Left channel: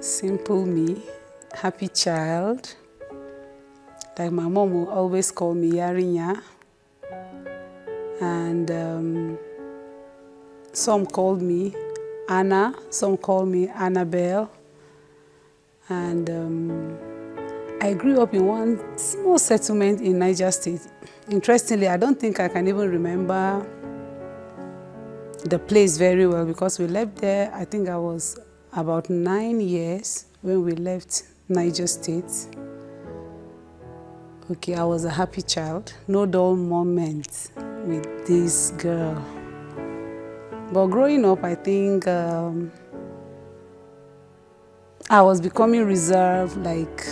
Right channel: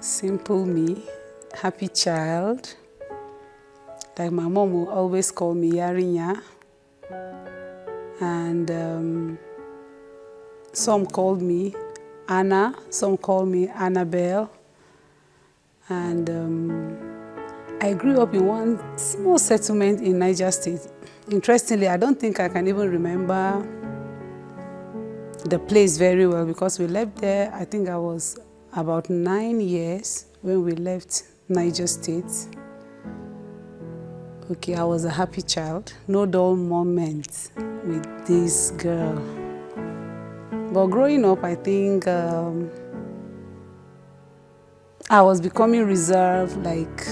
Simple me, happy child. Like my mom will always call me Yarinya. And some called me Anna, some call me Annabelle. And I grew up in one small settlement in Niger State. Interestingly, I don't think I can even remember the place very well because we left there, I think I was about 9 years when we left Niger State. Okay, I was a happy child, no dull moment with this girl. But growing up, I think I was becoming reserved, like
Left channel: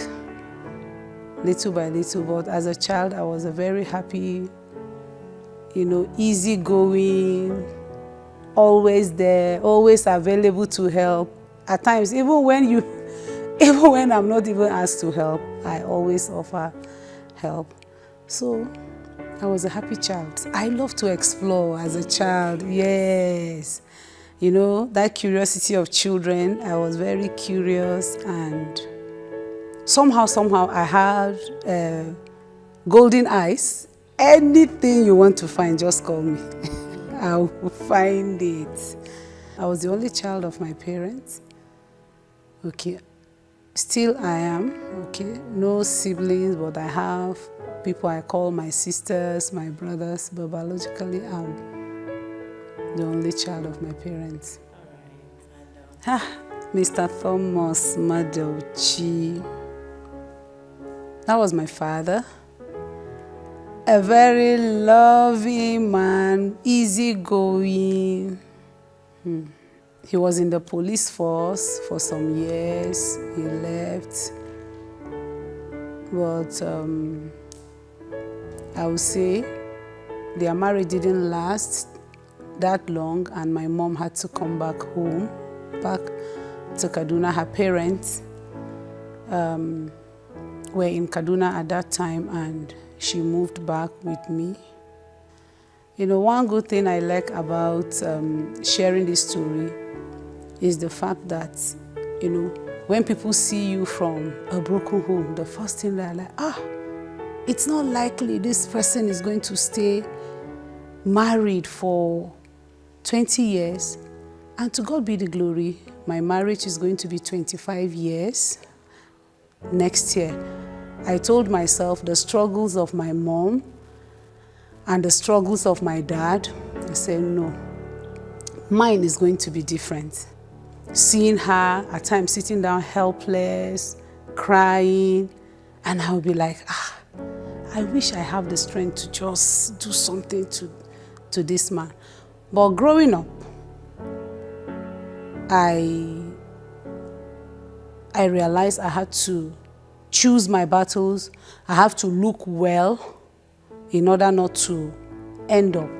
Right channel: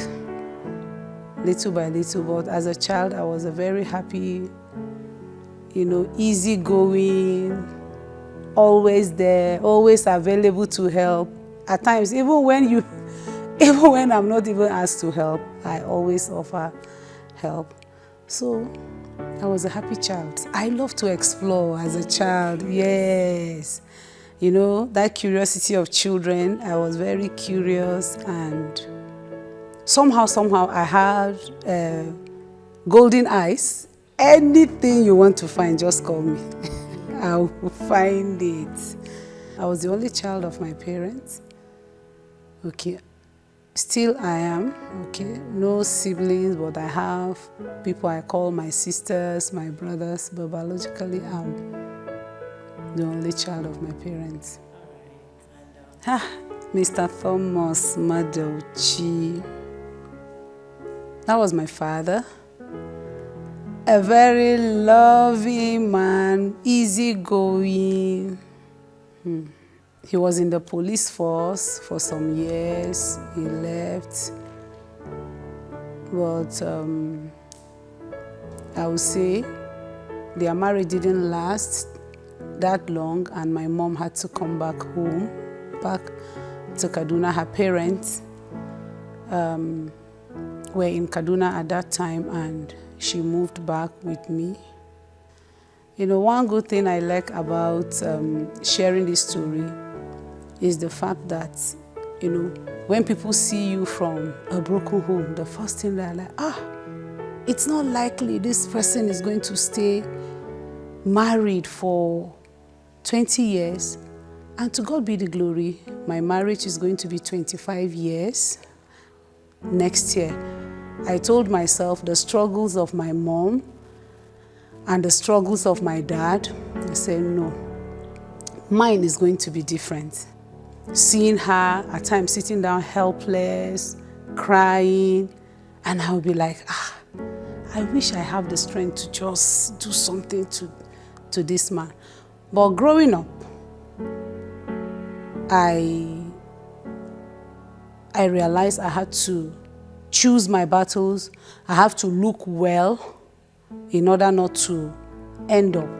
little by little. But as a child, I was a very happy, easygoing, always there, always available to help. At times, even when I'm not even asked to help, I always offer help. So I was a happy child. I love to explore as a child, yes. That curiosity of children, I was very curious, and somehow I had golden eyes. Anything you want to find, just call me. I will find it. I was the only child of my parents. Okay. Still I am, okay, no siblings, but I have people I call my sisters, my brothers, but biologically I'm the only child of my parents. All right. Mr. Thomas Madauchi. That was my father. A very loving man, easygoing. He was in the police force for some years. He left. But I would say their marriage didn't last that long, and my mom had to come back home, back to Kaduna. Her parents were in Kaduna at that time, and she moved back with me. One good thing I like about sharing this story is the fact that, when people see you from a broken home, the first thing they're like, it's not likely this person is going to stay married for 20 years. And to God be the glory, my marriage is going to be 25 years next year. I told myself the struggles of my mom and the struggles of my dad, I said, no, mine is going to be different. Seeing her at times sitting down helpless, crying, and I'll be like, I wish I have the strength to just do something to this man. But growing up, I realized I had to choose my battles. I have to look well in order not to end up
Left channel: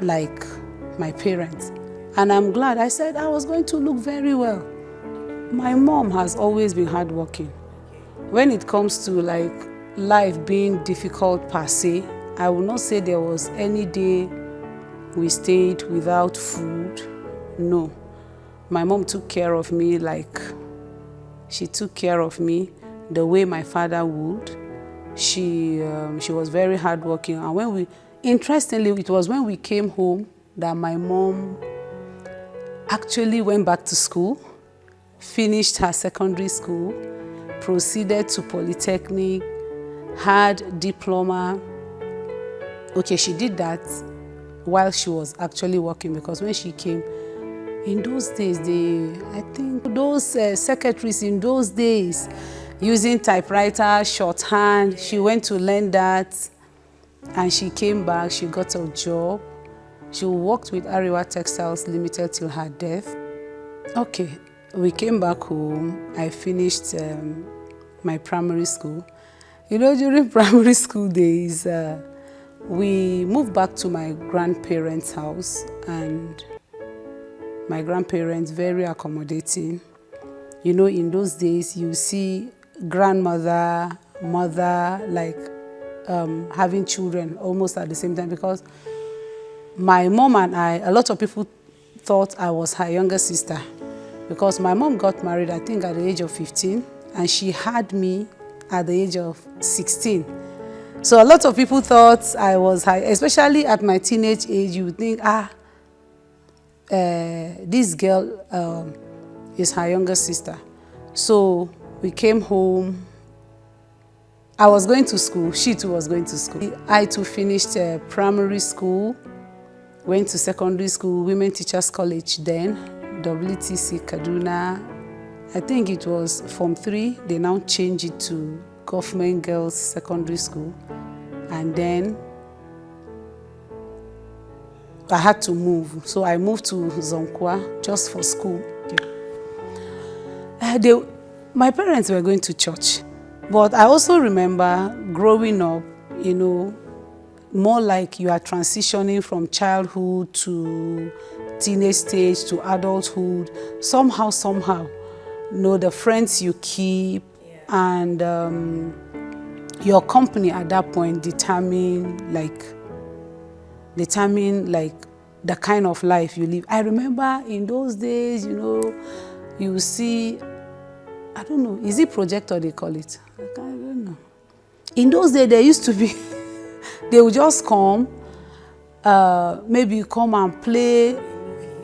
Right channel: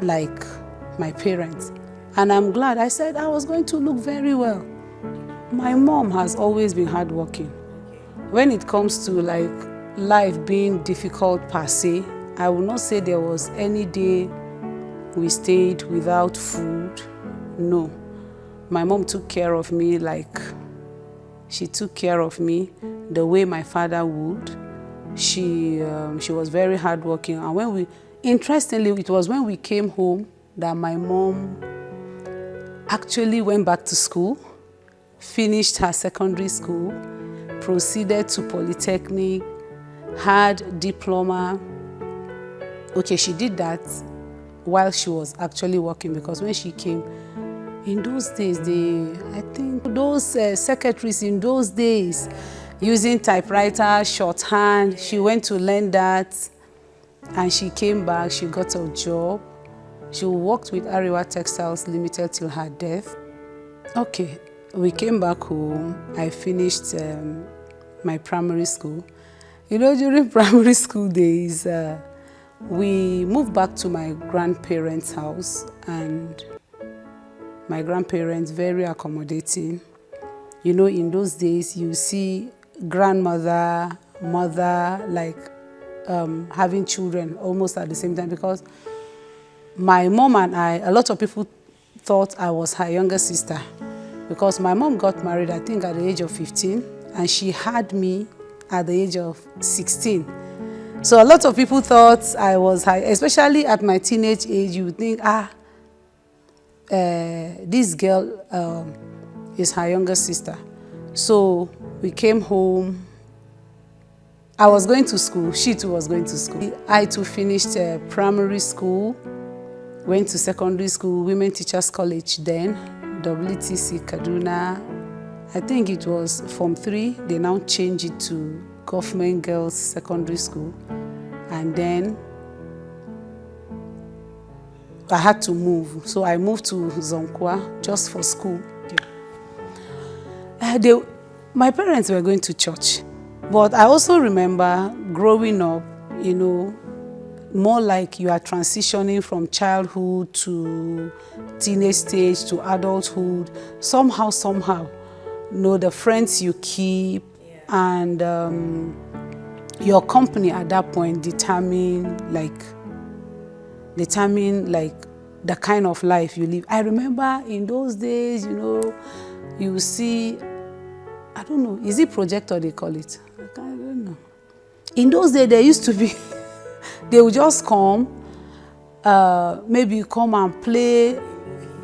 like my parents. And I'm glad. I said I was going to look very well. My mom has always been hardworking. When it comes to like life being difficult per se, I will not say there was any day we stayed without food. No. My mom took care of me like she took care of me the way my father would. She was very hardworking. And interestingly, it was when we came home that my mom actually went back to school, finished her secondary school, proceeded to Polytechnic, had diploma. Okay, she did that while she was actually working, because when she came, in those days, I think those secretaries in those days, using typewriter, shorthand, she went to learn that, and she came back, she got a job. She worked with Ariwa Textiles Limited till her death. Okay, we came back home. I finished my primary school. During primary school days, we moved back to my grandparents' house, and my grandparents, very accommodating. In those days, you see grandmother, mother, like having children almost at the same time, because my mom and I, a lot of people thought I was her younger sister. because my mom got married, I think, at the age of 15, and she had me at the age of 16. So a lot of people thought I was high, especially at my teenage age. You would think, this girl is her younger sister. So we came home. I was going to school. She too was going to school. I too finished primary school, went to secondary school, Women Teachers College then, WTC Kaduna. I think it was Form 3. They now changed it to Government Girls Secondary School. And then I had to move. So I moved to Zugwai just for school. My parents were going to church. But I also remember growing up, you know, more like you are transitioning from childhood to teenage stage to adulthood. Somehow, you know, the friends you keep and your company at that point determine like the kind of life you live. I remember in those days, you know, you see, I don't know, is it projector they call it? I don't know. In those days, there used to be, they would just come, maybe come and play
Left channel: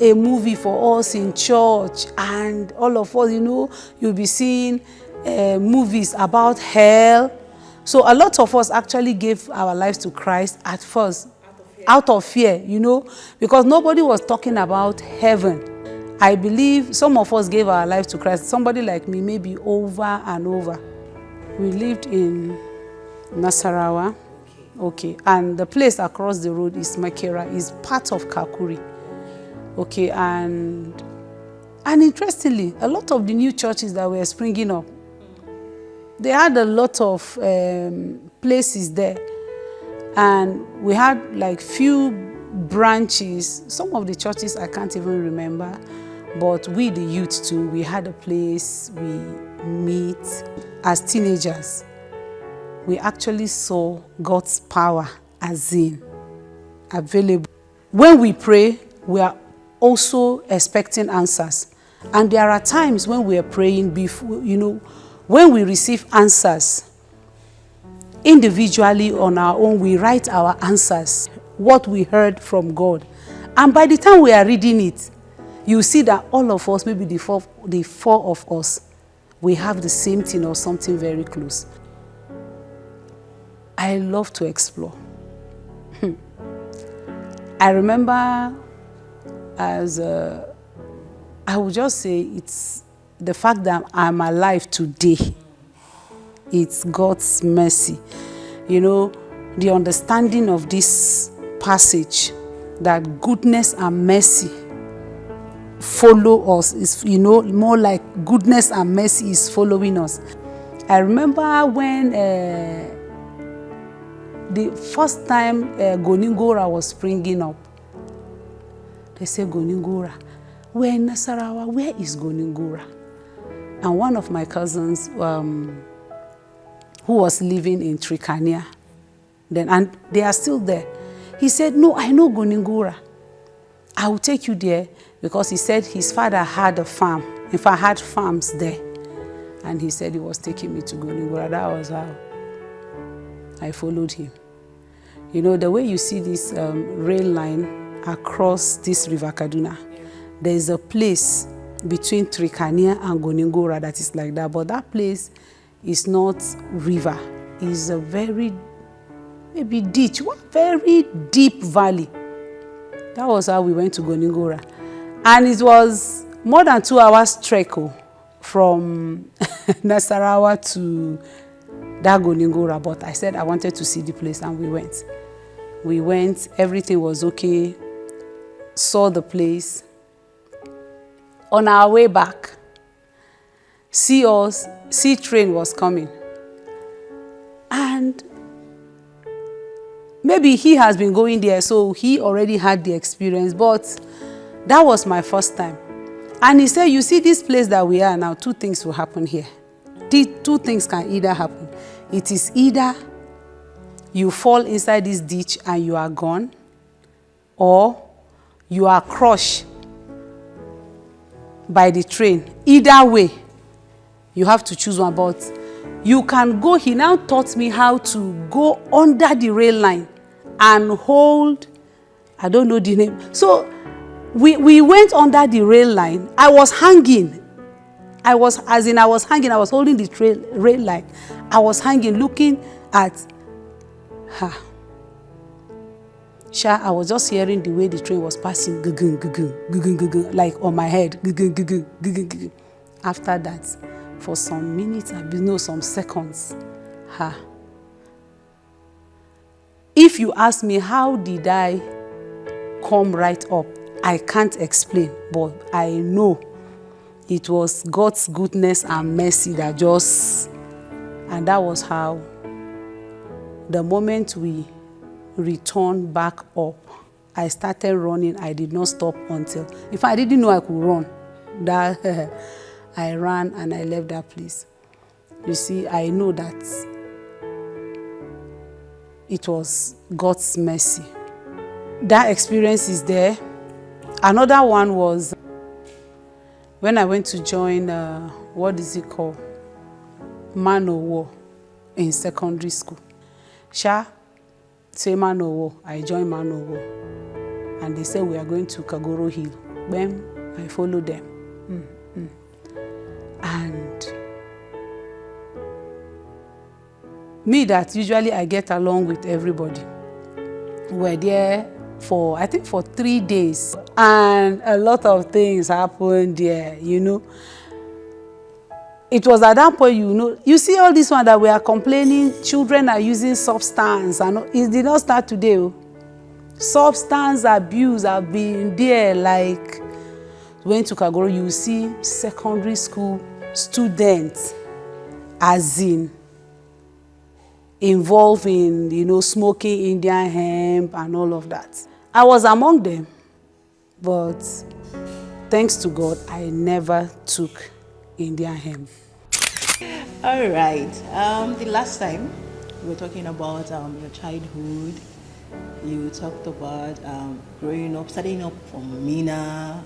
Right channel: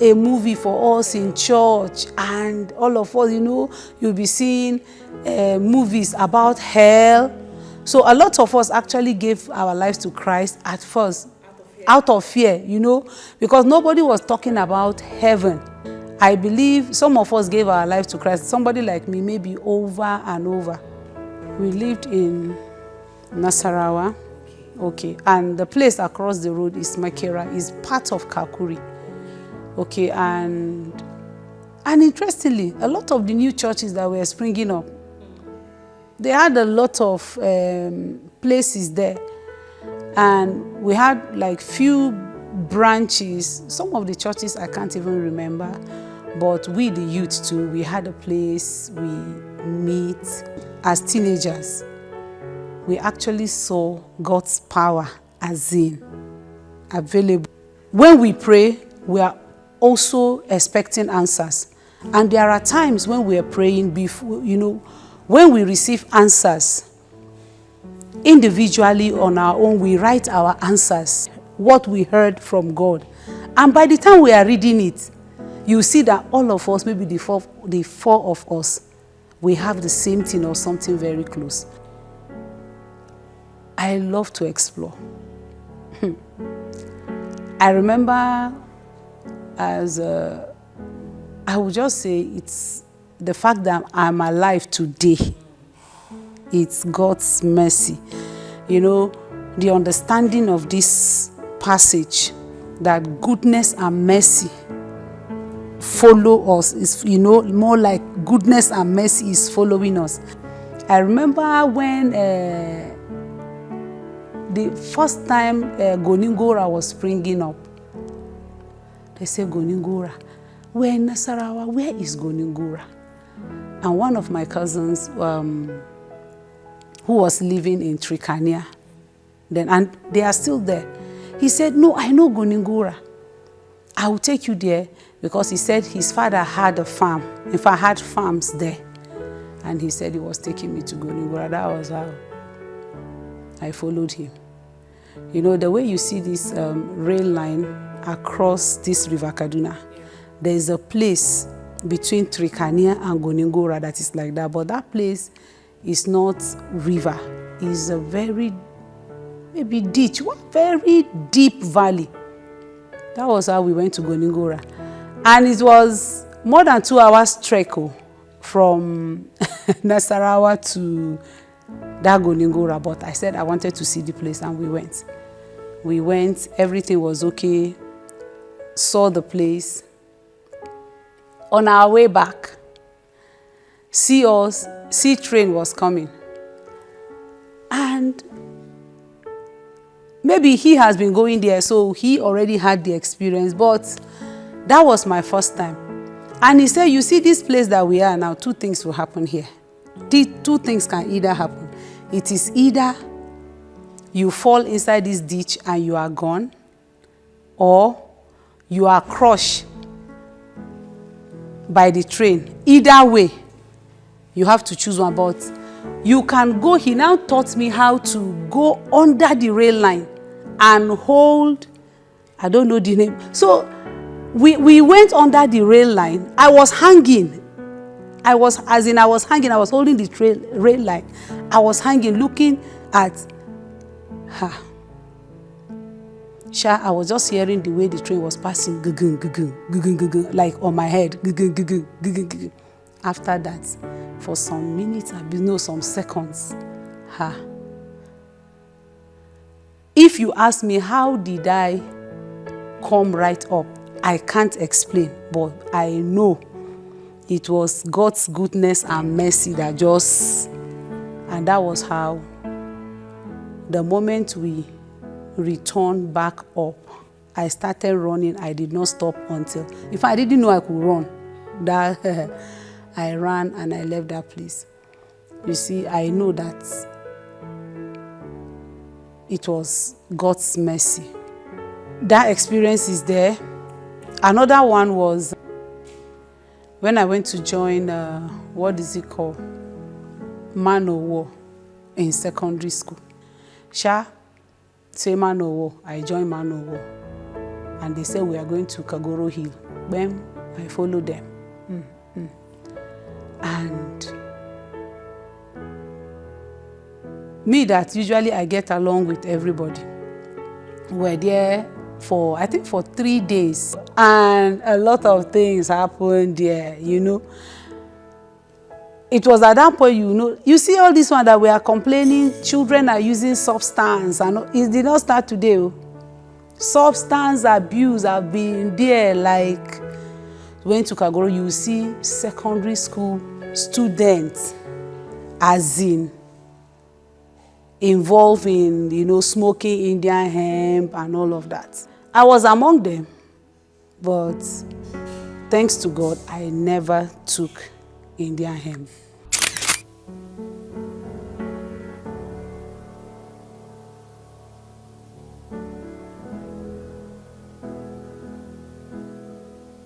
a movie for us in church, and all of us, you know, you'll be seeing movies about hell. So a lot of us actually gave our lives to Christ at first, out of fear, you know, because nobody was talking about heaven. I believe some of us gave our lives to Christ. Somebody like me, maybe over and over. We lived in Nasarawa, okay, and the place across the road is Makera, is part of Kakuri, okay, and interestingly, a lot of the new churches that were springing up, they had a lot of places there, and we had like few branches. Some of the churches I can't even remember, but we, the youth too, we had a place we meet. As teenagers, we actually saw God's power as in available. When we pray, we are also expecting answers. And there are times when we are praying before, you know, when we receive answers individually on our own, we write our answers, what we heard from God. And by the time we are reading it, you see that all of us, maybe the four of us, we have the same thing or something very close. I love to explore. I remember I would just say it's the fact that I'm alive today. It's God's mercy. You know, the understanding of this passage, that goodness and mercy follow us, is, you know, more like goodness and mercy is following us. I remember when the first time Goningora was springing up, they said, Goningora, we're in Nasarawa, where is Goningora? And one of my cousins who was living in Trikania then, and they are still there, he said, no, I know Goningora. I will take you there, because he said his father had a farm. In fact, had farms there. And he said he was taking me to Goningora. That was how I followed him. You know, the way you see this rail line across this river Kaduna, there is a place between Trikania and Goningora that is like that. But that place is not river. It's a very, maybe ditch, one very deep valley. That was how we went to Goningora. And it was more than 2 hours trek from Nasarawa to that Goningora. But I said I wanted to see the place, and we went. We went, everything was okay, saw the place. On our way back, sea train was coming. And maybe he has been going there, so he already had the experience, but that was my first time. And he said, you see this place that we are now, 2 things will happen here. 2 things can either happen. It is either you fall inside this ditch and you are gone, or you are crushed by the train. Either way, you have to choose one. But you can go, he now taught me how to go under the rail line and hold, I don't know the name. So we went under the rail line. I was hanging. I was hanging. I was holding the rail line. I was hanging, looking at her. I was just hearing the way the train was passing, like on my head. After that, for some minutes, some seconds, if you ask me how did I come right up, I can't explain, but I know it was God's goodness and mercy that and that was how, the moment we returned back up, I started running. I did not stop until, in fact, I didn't know I could run. I ran and I left that place. You see, I know that it was God's mercy. That experience is there. Another one was when I went to join, what is it called? Man o' War in secondary school. Say Man o' War, I joined Man o' War. And they said we are going to Kagoro Hill. Then I followed them. And me that usually I get along with everybody. We're there for, I think for 3 days. And a lot of things happened there, you know. It was at that point, you see all this one that we are complaining, children are using substance. And it did not start today. Substance abuse have been there, like, went to Kagoro, you see secondary school students, as in, involved in, smoking Indian hemp and all of that. I was among them, but thanks to God, I never took Indian hemp. All right. The last time we were talking about your childhood, you talked about growing up, starting up from Mina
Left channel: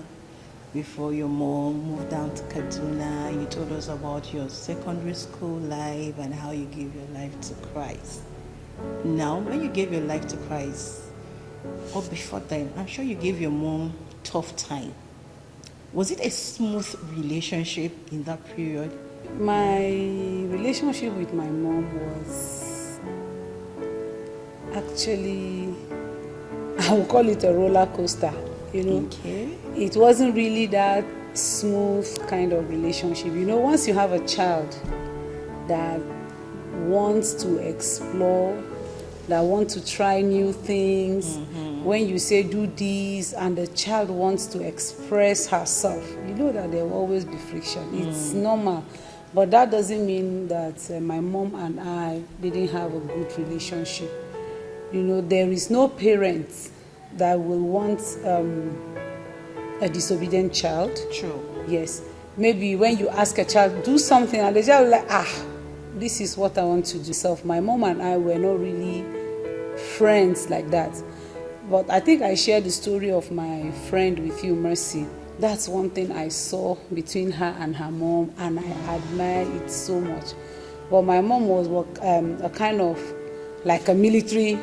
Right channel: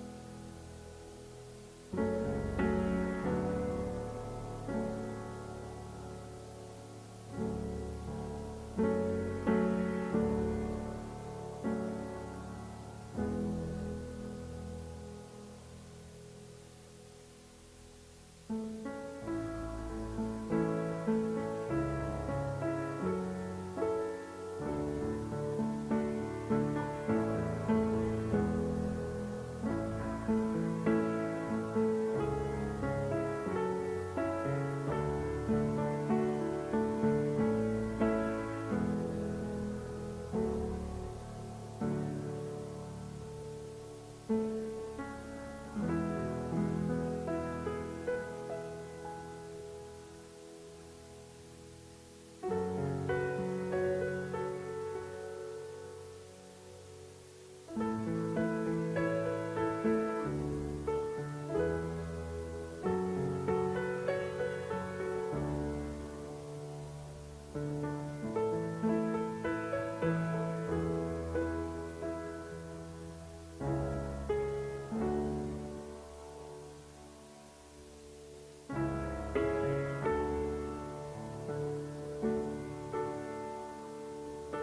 before your mom moved down to Kaduna. You told us about your secondary school life and how you gave your life to Christ. Now, when you gave your life to Christ, or before then, I'm sure you gave your mom tough time. Was it a smooth relationship in that period? My relationship with my mom was actually, I would call it a roller coaster, Okay. It wasn't really that smooth kind of relationship. Once you have a child that wants to explore, that wants to try new things, when you say do this and the child wants to express herself, you know that there will always be friction. It's normal. But that doesn't mean that my mom and I didn't have a good relationship. There is no parent that will want a disobedient child. True. Yes. Maybe when you ask a child, do something, and the child will like, this is what I want to do. So my mom and I were not really friends like that. But I think I shared the story of my friend with you, Mercy. That's one thing I saw between her and her mom, and I admire it so much. But my mom was a kind of like a military,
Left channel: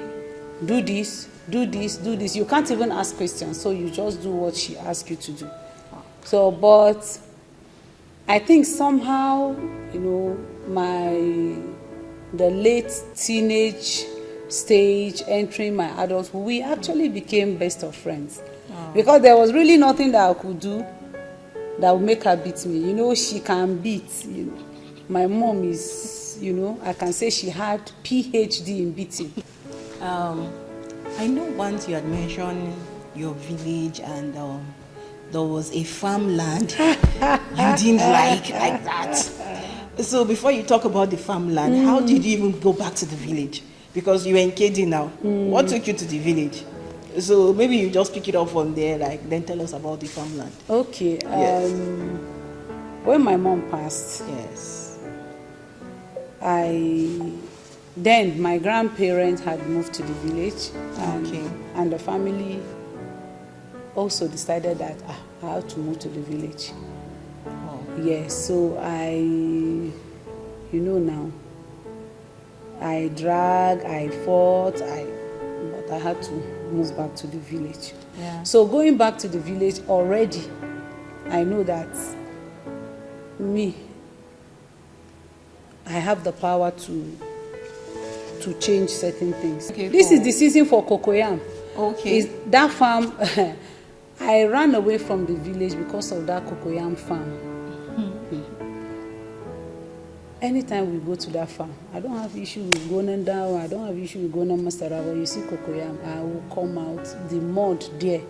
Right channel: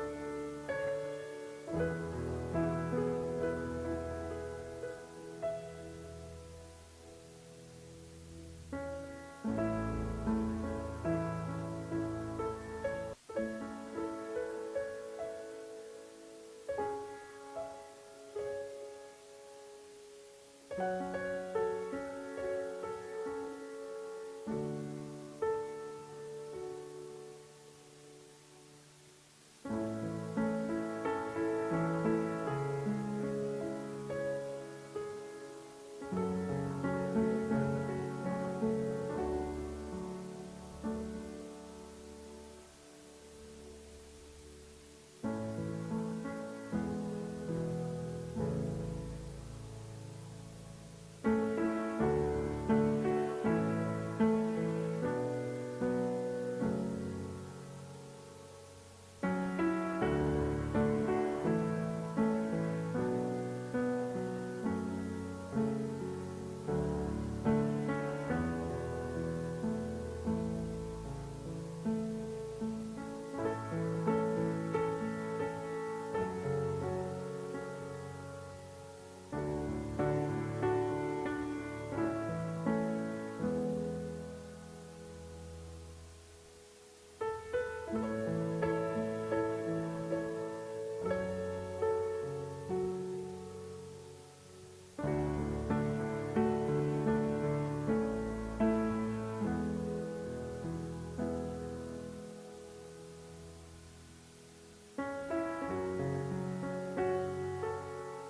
do this, do this, do this. You can't even ask questions, so you just do what she asks you to do. So, but I think somehow, the late teenage stage, entering my adulthood, we actually became best of friends. Because there was really nothing that I could do that would make her beat me. She can beat. My mom is, I can say she had PhD in beating. I know once you had mentioned your village and there was a farmland you didn't like that. So before you talk about the farmland, how did you even go back to the village? Because you were in KD now. What took you to the village? So maybe you just pick it up from there, then tell us about the farmland. Okay. Yes. When my mom passed, Yes. Then my grandparents had moved to the village, and the family also decided that I have to move to the village. Yes, so now, I drag, I fought, but I had to move back to the village. Yeah. So going back to the village already, I know that I have the power to change certain things. Okay, This is the season for cocoyam. Okay. Is that farm? I ran away from the village because of that cocoyam farm. Anytime we go to that farm, I don't have issue with going down. I don't have issue with going Masara. When you see cocoyam, I will come out. The mud there.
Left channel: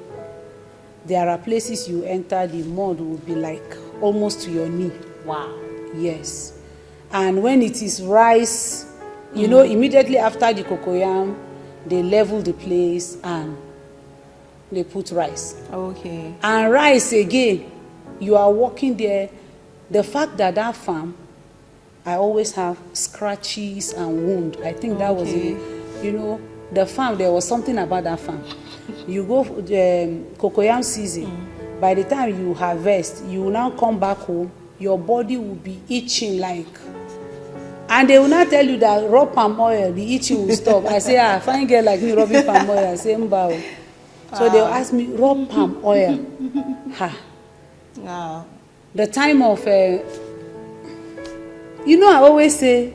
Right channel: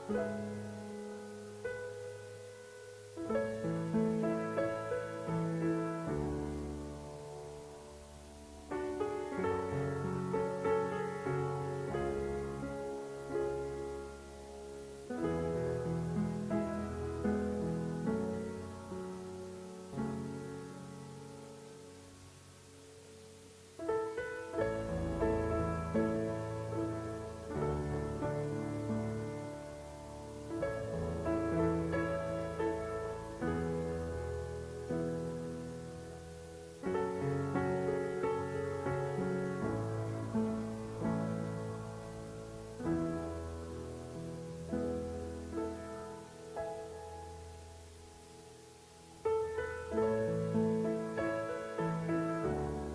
There are places you enter, the mud will be like almost to your knee. Wow. Yes. And when it is rice, immediately after the cocoyam, they level the place and they put rice. Okay. And rice again, you are walking there. The fact that farm, I always have scratches and wound. I think that was it. The farm, there was something about that farm. You go cocoyam season, by the time you harvest, you will now come back home, your body will be itching like, and they will not tell you that rub palm oil, the itching will stop. I say, fine girl like me rubbing palm oil. I say, mbao. So they'll ask me, rub palm oil. Wow. The time of, I always say,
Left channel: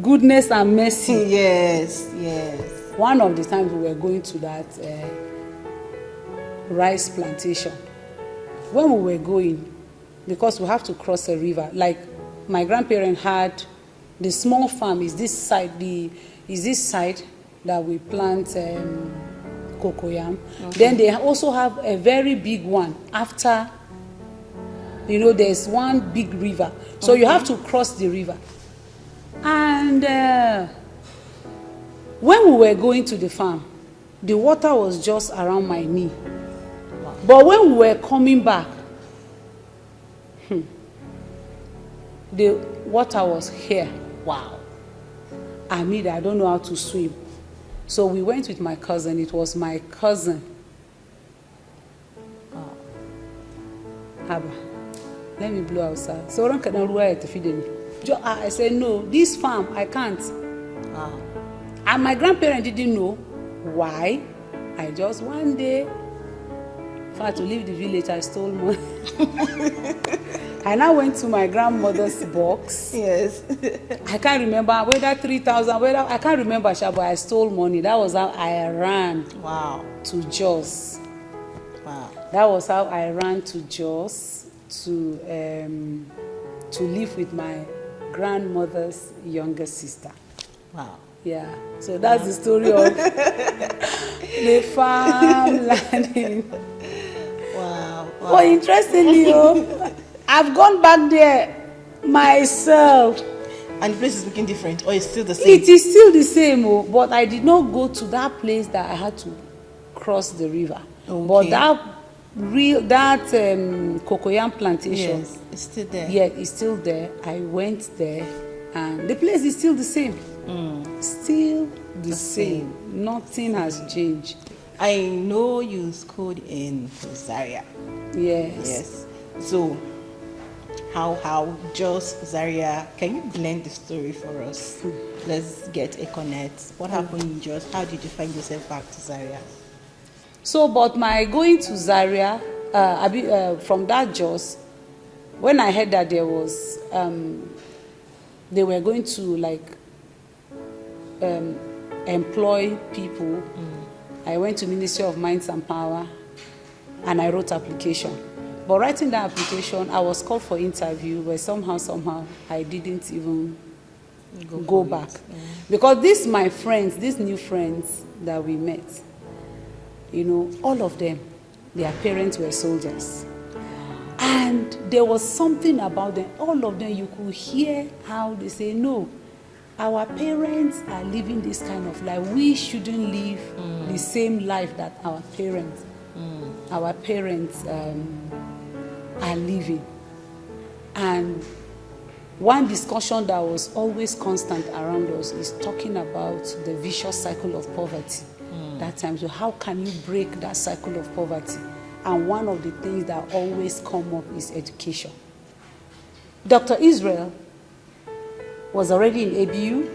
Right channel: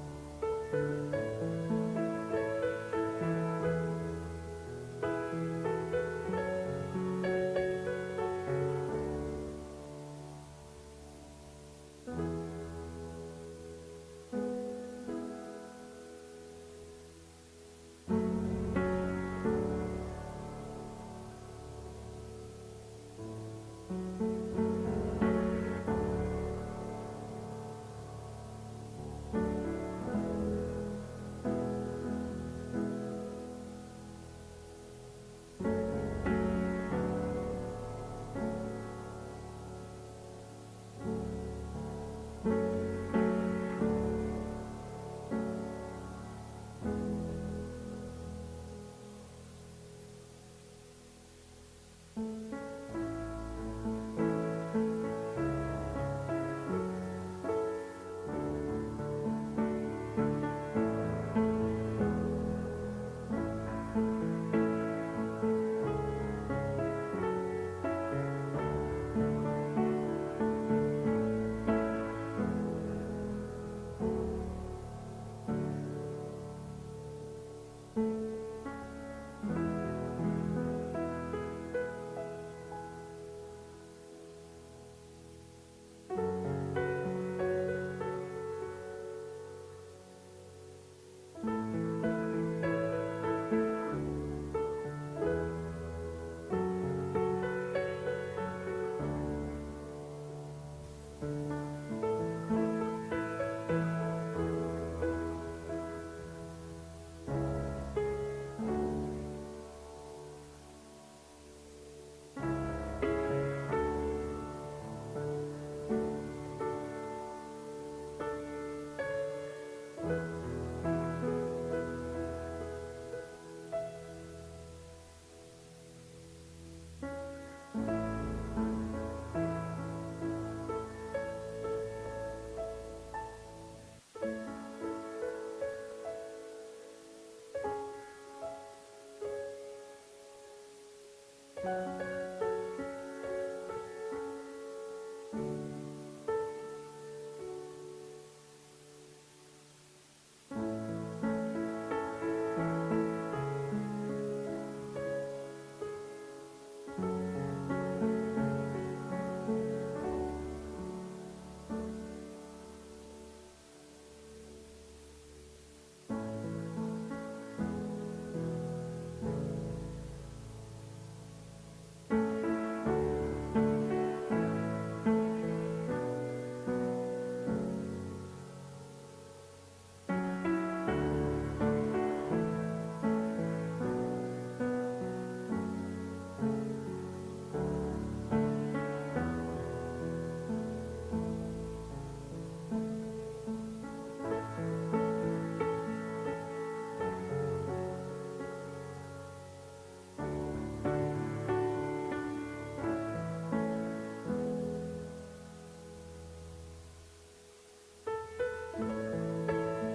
goodness and mercy. Yes. One of the times we were going to that rice plantation, when we were going, because we have to cross a river, like my grandparents had the small farm is this side, that we plant cocoyam. Okay. Then they also have a very big one after, there's one big river. So you have to cross the river. And when we were going to the farm, the water was just around my knee. But when we were coming back, the water was here. Wow. I don't know how to swim. So we went with my cousin. It was my cousin. Haba. Let me blow outside. So I said, no, this farm, I can't. And my grandparents didn't know why. I just one day, if I had to leave the village, I stole money. I now went to my grandmother's box. Yes. I can't remember whether 3,000, I can't remember, but I stole money. That was how I ran. Wow. To Jos. Wow. That was how I ran to Jos to live with my grandmother's younger sister. Wow. Yeah, so that's the story of the farm landing. Wow. But interestingly, I've gone back there myself. And the place is looking different, or it's still the same? It is still the same, but I did not go to that place that I had to cross the river. Okay. But that cocoyam plantation, yes, it's still there. Yeah, it's still there. I went there, and the place is still the same. Still the same. Nothing has changed. I know you schooled in Zaria. Yes. So, how Jos, Zaria, can you blend the story for us? Let's get a connect. What happened in Jos? How did you find yourself back to Zaria? So, but my going to Zaria, from that Jos, when I heard that there was, they were going to employ people, I went to Ministry of Mines and Power, and I wrote application. But writing that application, I was called for interview, but somehow I didn't even go back. Because these my friends, these new friends that we met, all of them, their parents were soldiers. And there was something about them, all of them, you could hear how they say, no, our parents are living this kind of life. We shouldn't live the same life that our parents are living. And one discussion that was always constant around us is talking about the vicious cycle of poverty. That time, so how can you break that cycle of poverty? And one of the things that always come up is education. Dr. Israel was already in ABU.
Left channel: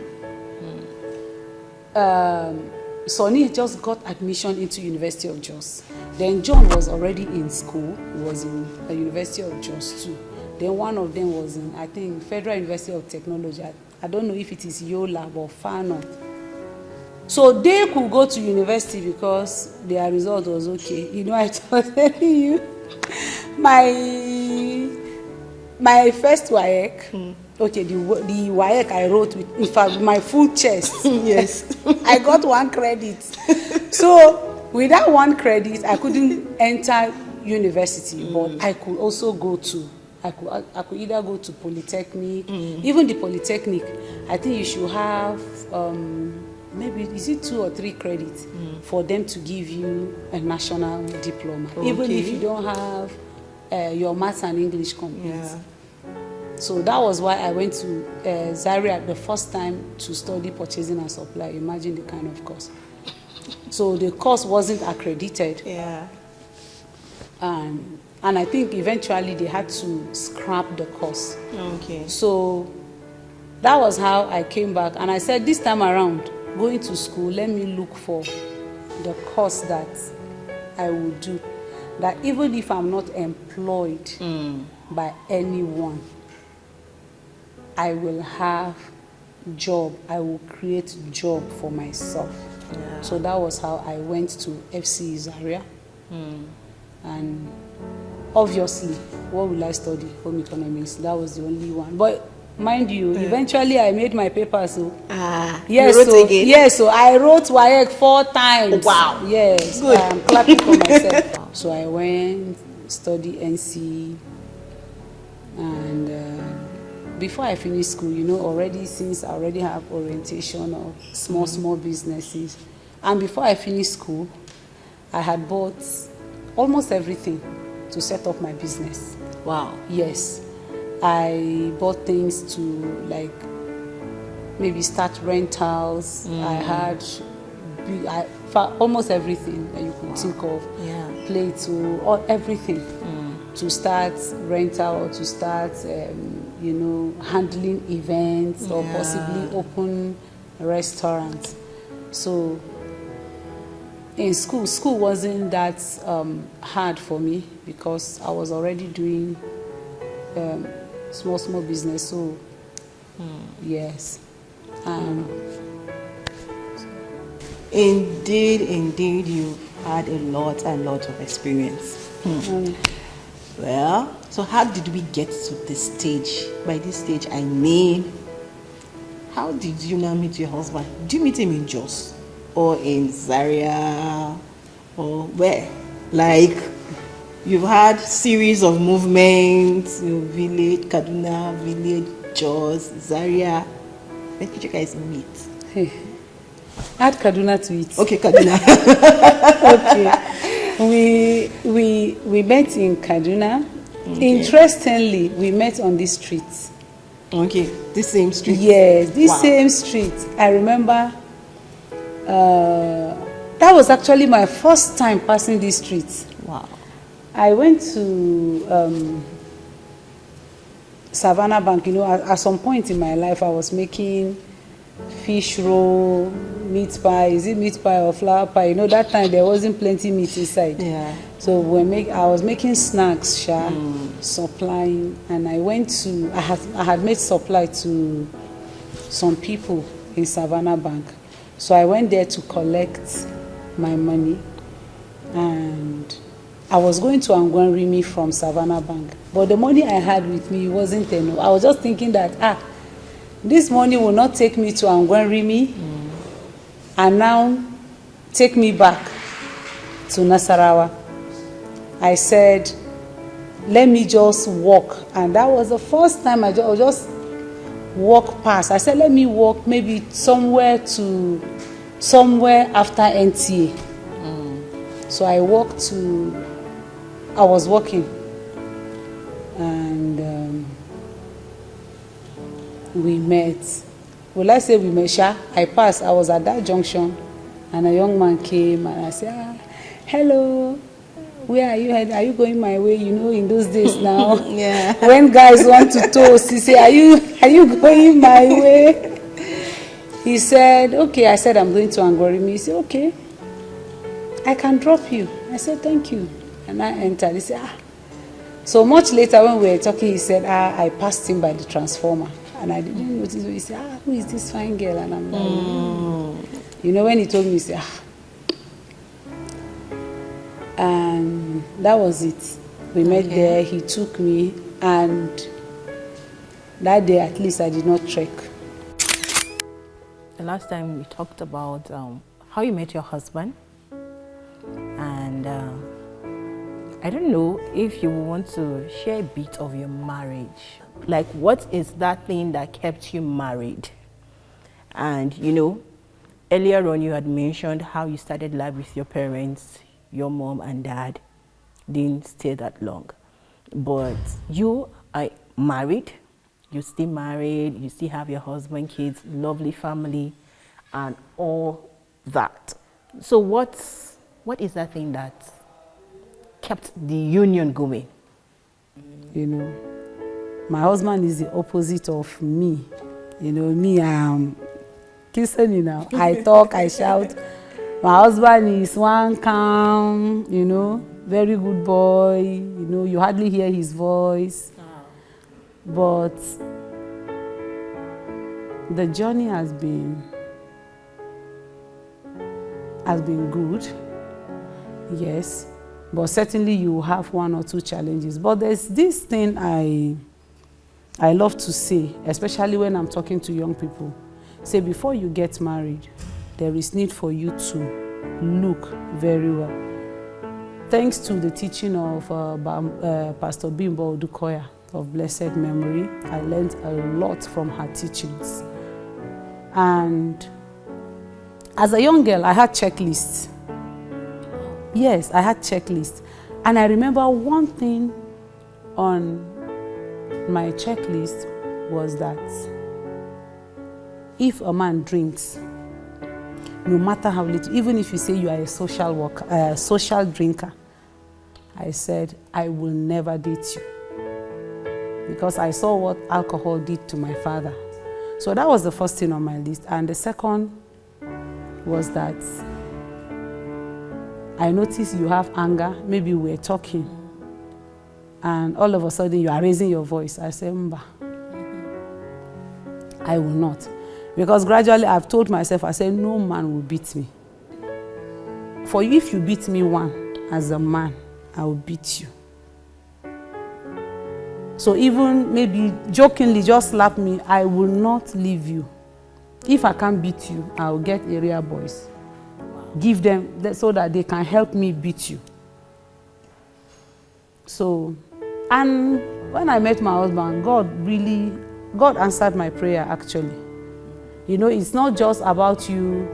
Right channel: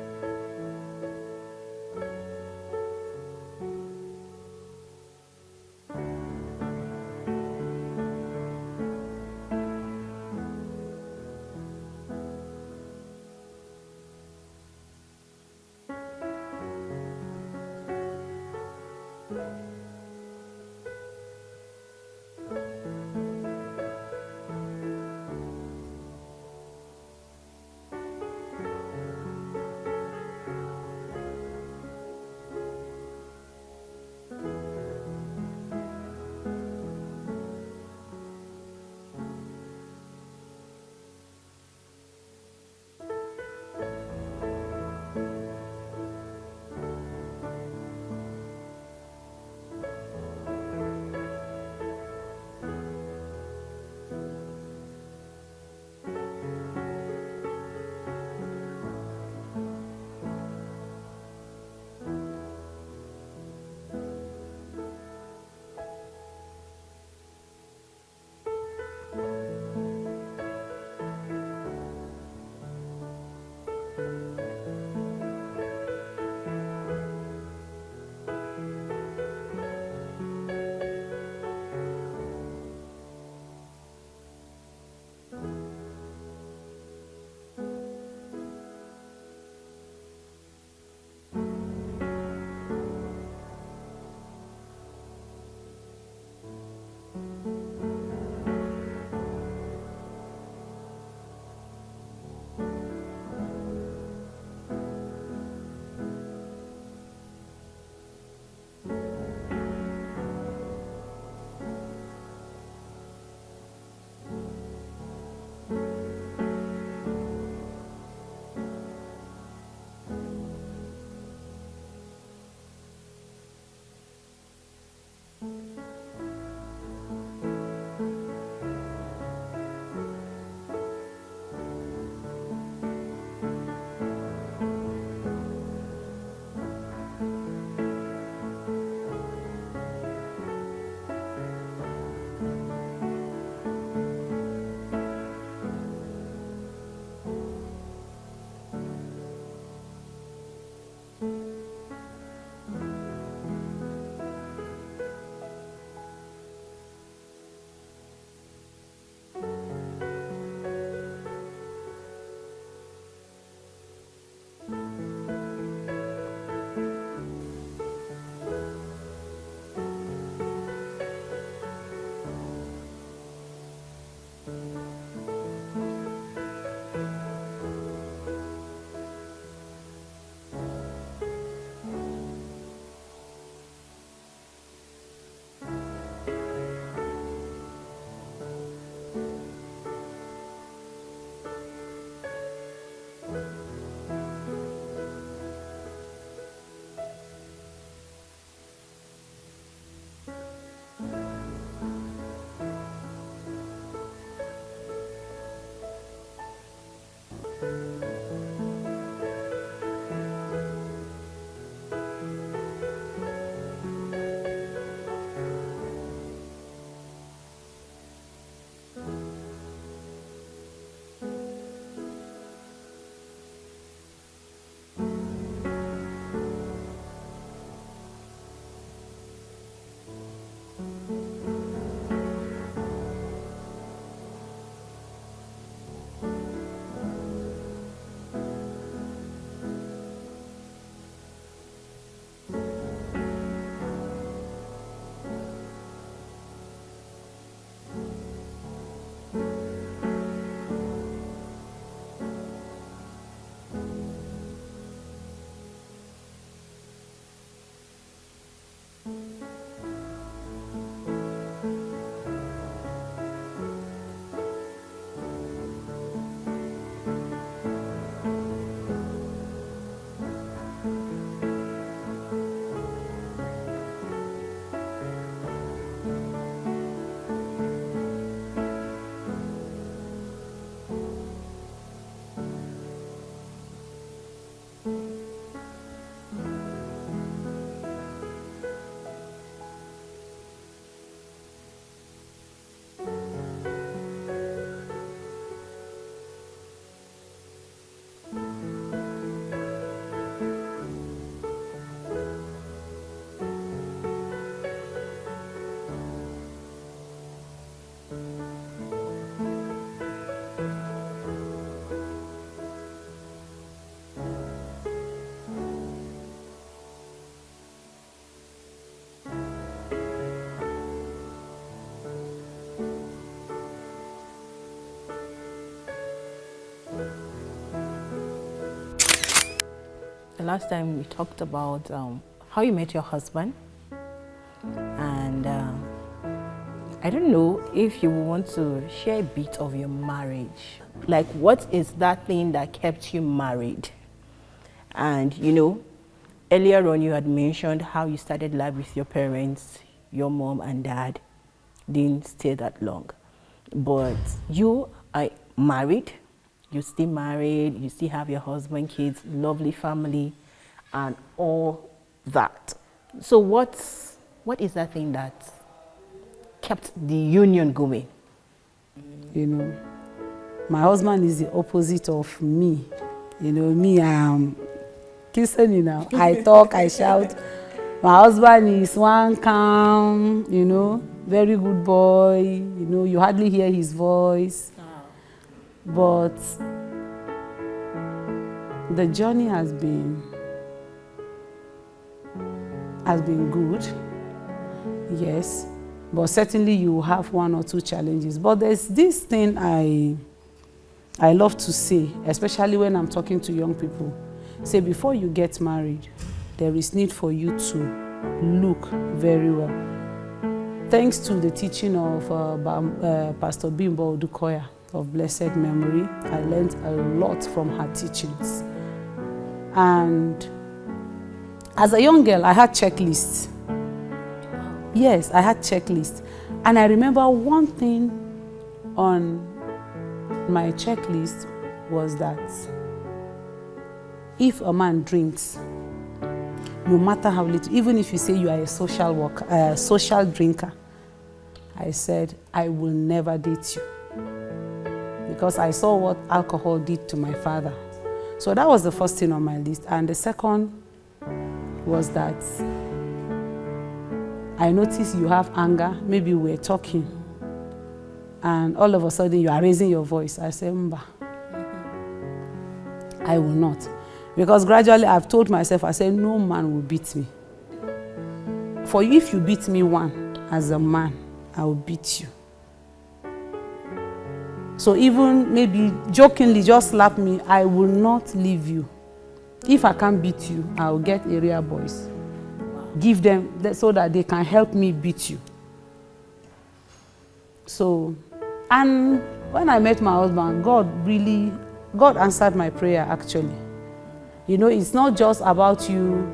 Sonny just got admission into University of Jos. Then John was already in school. He was in the University of Jos too. Then one of them was in, I think, Federal University of Technology. I don't know if it is Yola or far north. So they could go to university because their result was okay. You know, I was telling you, my first WAEC, okay, the WAEC I wrote with, in fact, my full chest. Yes. I got 1 credit. So with that 1 credit, I couldn't enter university, but I could also go to, I could either go to Polytechnic, even the Polytechnic, I think you should have, maybe, is it 2 or 3 credits for them to give you a national diploma, even if you don't have your maths and English complete. Yeah. So that was why I went to Zaria the first time to study purchasing and supply. Imagine the kind of course. So the course wasn't accredited. Yeah. And I think eventually they had to scrap the course. Okay. So that was how I came back. And I said, this time around, going to school, let me look for the course that I will do. That even if I'm not employed by anyone, I will have job. I will create job for myself. Yeah. So that was how I went to FC Zaria. And obviously, what will I study? Home economics. That was the only one. But mind you, eventually I made my papers. So yes, you wrote again? Yes, so I wrote WAEC 4 times. Wow. Yes, good. I'm clapping for myself. So I went, studied NC, and before I finished school, you know, already since I already have orientation of small businesses, and before I finished school, I had bought almost everything to set up my business. Wow. Yes. I bought things to, like, maybe start rentals. I had almost everything that you could think of. Yeah. Plates or everything to start rental or to start, you know, handling events or possibly open restaurants. So in school wasn't that hard for me because I was already doing small business. So yes. Indeed, you've had a lot of experience. Well, so how did we get to this stage? By this stage, I mean, how did you now meet your husband? Did you meet him in Jos or in Zaria or where? Like, you've had series of movements, you know, village, Kaduna, village, Jos, Zaria. Where did you guys meet? Hey. Add Kaduna to it. Okay, Kaduna. Okay. We met in Kaduna. Okay. Interestingly, we met on this street. Okay, this same street? Yes, this same street. I remember that was actually my first time passing this street. Wow. I went to Savannah Bank. You know, at some point in my life, I was making fish roll, meat pie. Is it meat pie or flour pie? You know, that time there wasn't plenty meat inside. Yeah. So I was making snacks, supplying, and I went to. I had made supply to some people in Savannah Bank. So I went there to collect my money, and I was going to Angwanrimi from Savannah Bank. But the money I had with me wasn't enough. I was just thinking that this money will not take me to Angwanrimi and now take me back to Nasarawa. I said, let me just walk. And that was the first time I just walk past. I said, let me walk maybe somewhere after NTA. So I was walking. And we met. Will I say we met? I passed. I was at that junction, and a young man came, and I said, "Hello, where are you heading? Are you going my way? You know, in those days now, Yeah. when guys want to toast, he say, are you going my way? He said, okay. I said, I'm going to Angorimi. He said, okay, I can drop you. I said, thank you. And I entered. He said, ah. So much later when we were talking, he said, I passed him by the transformer. And I didn't notice. He said, who is this fine girl? And I'm like, you know, when he told me, he said, and that was it. We met there. He took me. And that day, at least, I did not trek. The last time we talked about how you met your husband. And I don't know if you want to share a bit of your marriage. Like, what is that thing that kept you married? And, you know, earlier on you had mentioned how you started life with your parents, your mom and dad didn't stay that long. But you are married, you still married, you still have your husband, kids, lovely family, and all that. So what is that thing that kept the union going? You know, my husband is the opposite of me. You know, me, I'm kissing now. I talk, I shout. My husband is one calm, you know, very good boy. You know, you hardly hear his voice. But the journey has been good, yes. But certainly you have one or two challenges. But there's this thing I love to say, especially when I'm talking to young people. Say, before you get married, there is need for you to look very well. Thanks to the teaching of Pastor Bimbo Odukoya of blessed memory, I learned a lot from her teachings. And as a young girl, I had checklists. Yes, I had checklists. And I remember one thing on my checklist was that if a man drinks, no matter how little, even if you say you are a social drinker, I said, I will never date you. Because I saw what alcohol did to my father. So that was the first thing on my list. And the second was that I noticed you have anger. Maybe we're talking. And all of a sudden you are raising your voice. I said, Mba, I will not. Because gradually I've told myself, I said, no man will beat me. For you, if you beat me one, as a man, I will beat you. So even maybe jokingly just slap me, I will not leave you. If I can't beat you, I will get area boys. Give them so that they can help me beat you. So, and when I met my husband, God answered my prayer actually. You know, it's not just about you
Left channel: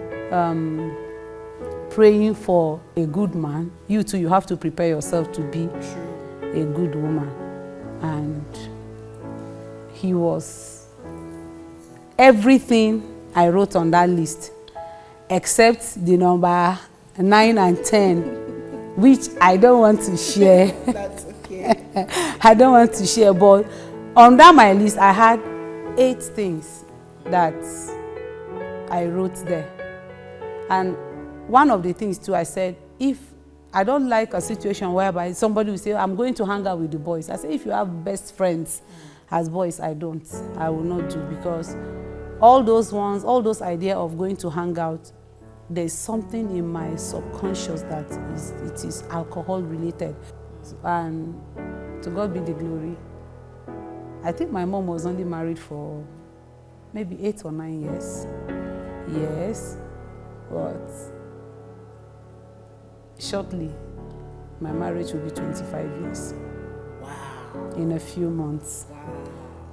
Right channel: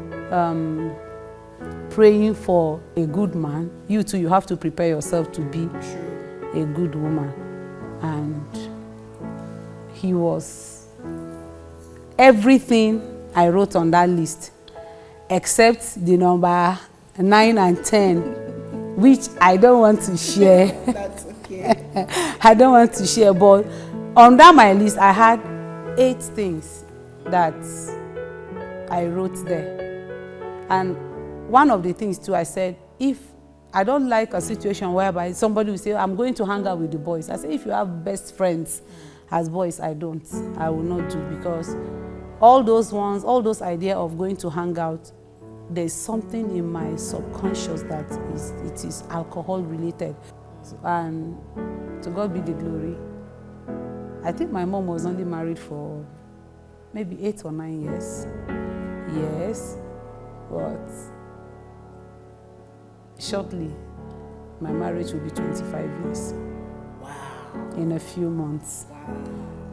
praying for a good man. You too, you have to prepare yourself to be a good woman. And he was everything I wrote on that list, except the number 9 and 10, which I don't want to share. That's okay. I don't want to share, but under my list, I had 8 things that I wrote there. And one of the things too, I said, if I don't like a situation whereby somebody will say, I'm going to hang out with the boys. I say, if you have best friends as boys, I don't. I will not do, because all those ideas of going to hang out, there's something in my subconscious that it is alcohol related. And to God be the glory. I think my mom was only married for maybe 8 or 9 years. Yes, but shortly, my marriage will be 25 years. Wow. In a few months. Wow.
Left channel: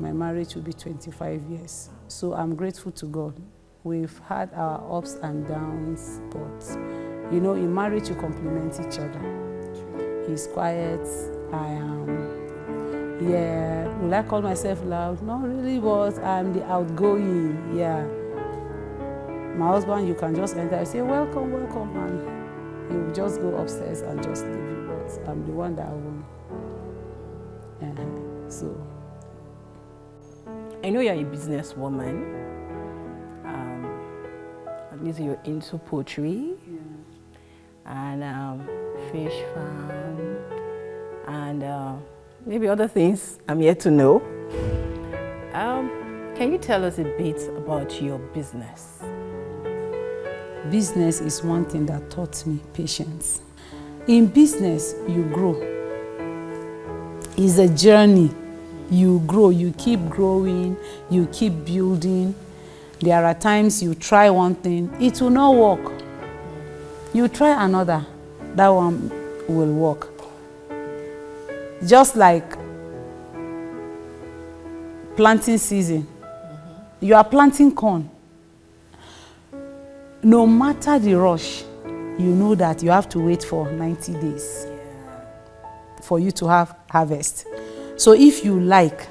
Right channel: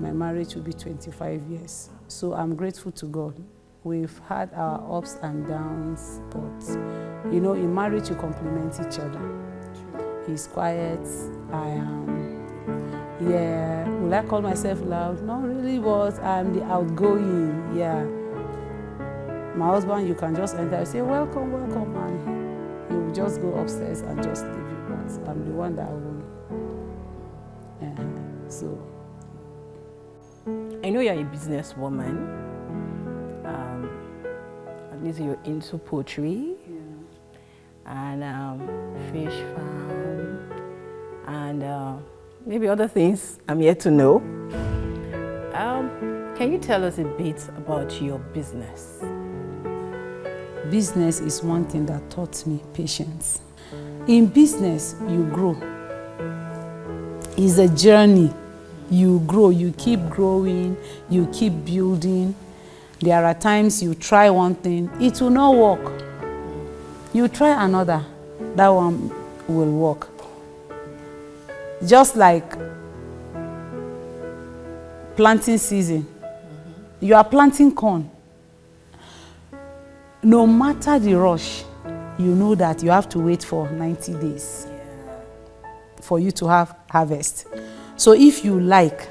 My marriage will be 25 years. So I'm grateful to God. We've had our ups and downs, but you know, in marriage you complement each other. True. He's quiet, I am. Yeah, will I call myself loud? Not really, but I'm the outgoing, yeah. My husband, you can just enter and say, welcome, welcome, and he will just go upstairs and just leave you. But I'm the one that own. So I know you're a businesswoman. At least you're into poultry, and fish farm, and maybe other things I'm yet to know. Can you tell us a bit about your business? Business is one thing that taught me patience. In business, you grow. It's a journey. You grow, you keep growing, you keep building. There are times you try one thing, it will not work. You try another, that one will work. Just like planting season. You are planting corn. No matter the rush, you know that you have to wait for 90 days for you to have harvest. So if you like,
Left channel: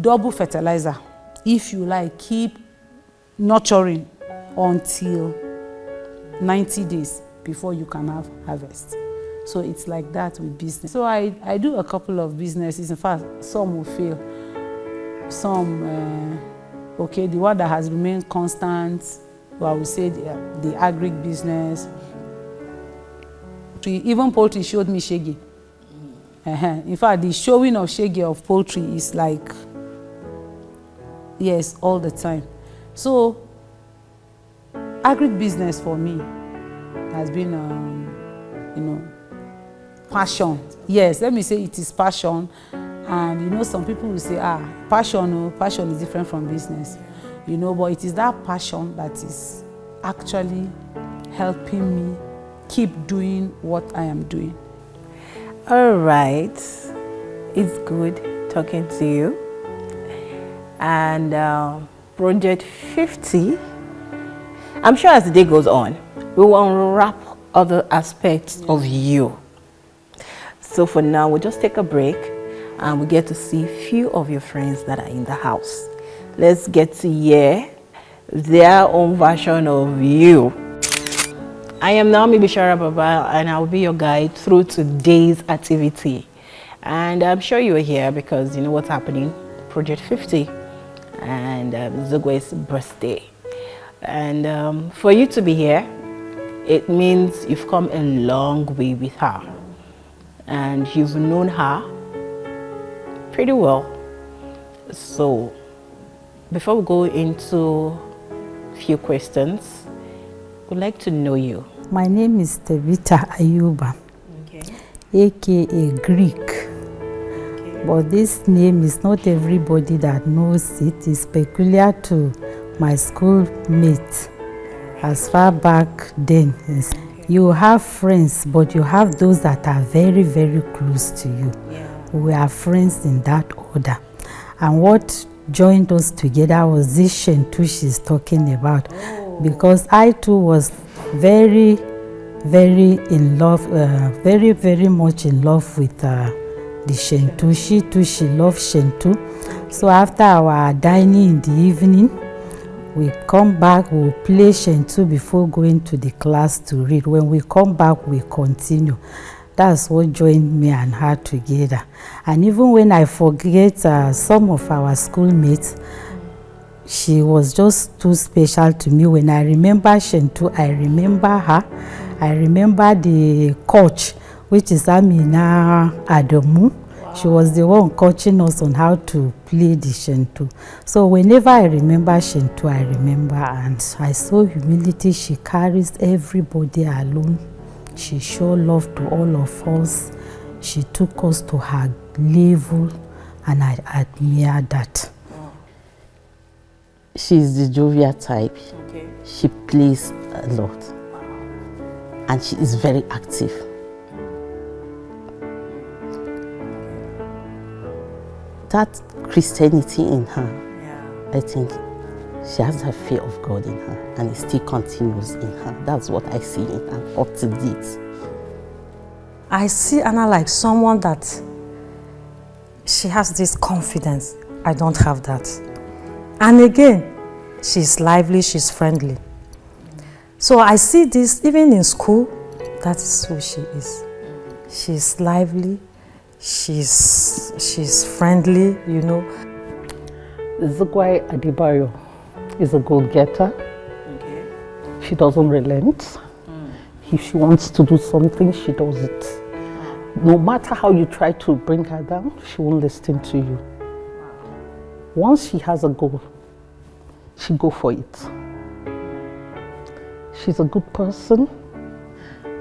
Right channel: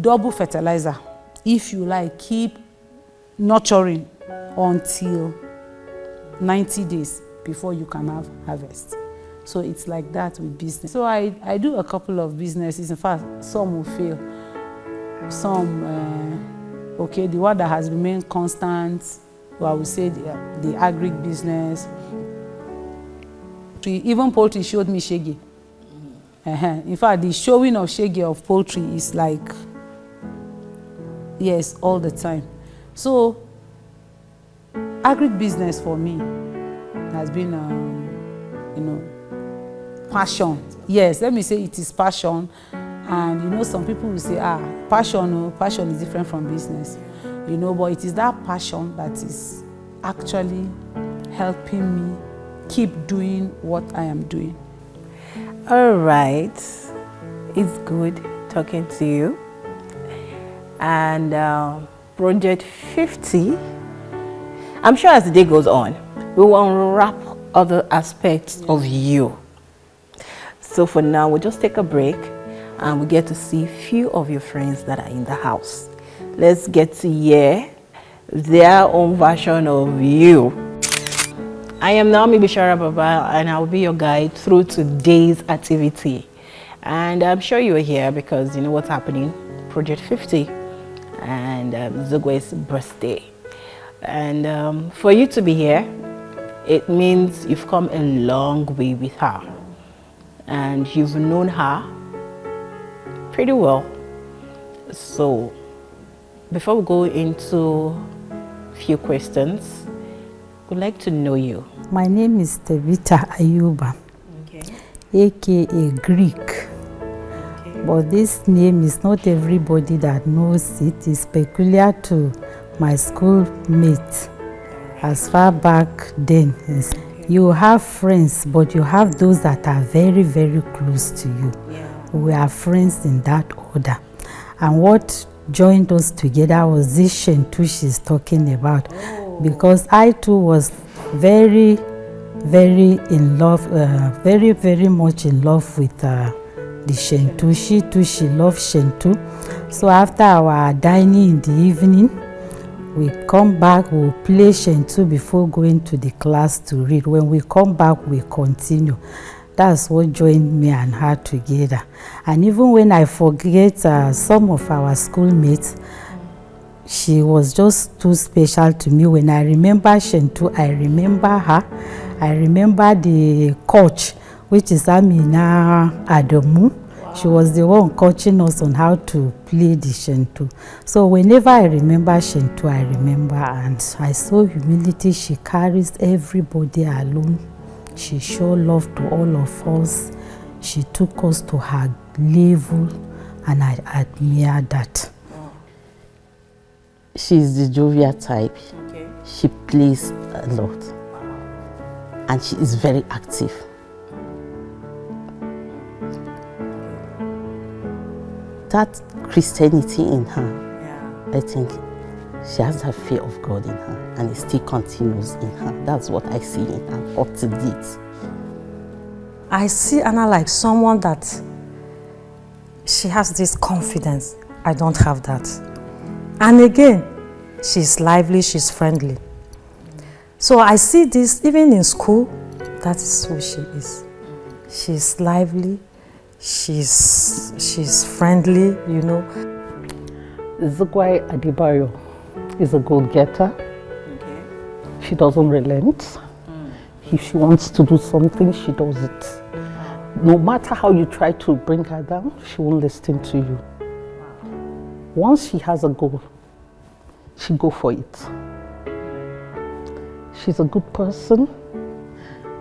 double fertilizer. If you like, keep nurturing until 90 days before you can have harvest. So it's like that with business. So I do a couple of businesses. In fact, some will fail. Some, okay, the one that has remained constant, well, I would say the agric business. Even poultry showed me shege. In fact, the showing of shege of poultry is like, yes, all the time. So, agric business for me has been, passion. Yes, let me say it is passion. And some people will say, passion is different from business. But it is that passion that is actually helping me keep doing what I am doing. All right, it's good talking to you. And Project 50, I'm sure as the day goes on, we will unwrap other aspects of you. So for now, we'll just take a break and we get to see a few of your friends that are in the house. Let's get to hear their own version of you. I am Naomi Bishara Baba, and I'll be your guide through today's activity. And I'm sure you're here because you know what's happening, Project 50 and Zugwai's birthday. And for you to be here, it means you've come a long way with her. And you've known her pretty well. So before we go into a few questions, we'd like to know you. My name is Tevita Ayuba, aka Greek. But this name is not everybody that knows it. It's peculiar to my schoolmates as far back then. You have friends, but you have those that are very, very close to you. We are friends in that order. And what joined us together was this Shentu she's talking about. Because I too was very, very in love, very, very much in love with the Shentu. She too, she loved Shentu. So after our dining in the evening, we come back, we'll play Shentu before going to the class to read. When we come back, we continue. That's what joined me and her together. And even when I forget some of our schoolmates, she was just too special to me. When I remember Shentu, I remember her. I remember the coach, which is Amina Adamu. Wow. She was the one coaching us on how to play the Shentu. So whenever I remember Shentu, I remember, and I saw humility. She carries everybody alone. She showed love to all of us. She took us to her level, and I admire that. She's the jovial type. Okay. She plays a lot. Wow. And she is very active. That Christianity in her, I think she has that fear of God in her, and it still continues in her. That's what I see in her up to date. I see Anna like someone that she has this confidence. I don't have that. And again, she's lively, she's friendly. So I see this even in school, that is who she is. She's lively, she's friendly, you know. Zugwai Adebayo is a go-getter. Okay. She doesn't relent. If she wants to do something, she does it. No matter how you try to bring her down, she won't listen to you. Once she has a goal, she go for it. She's a good person.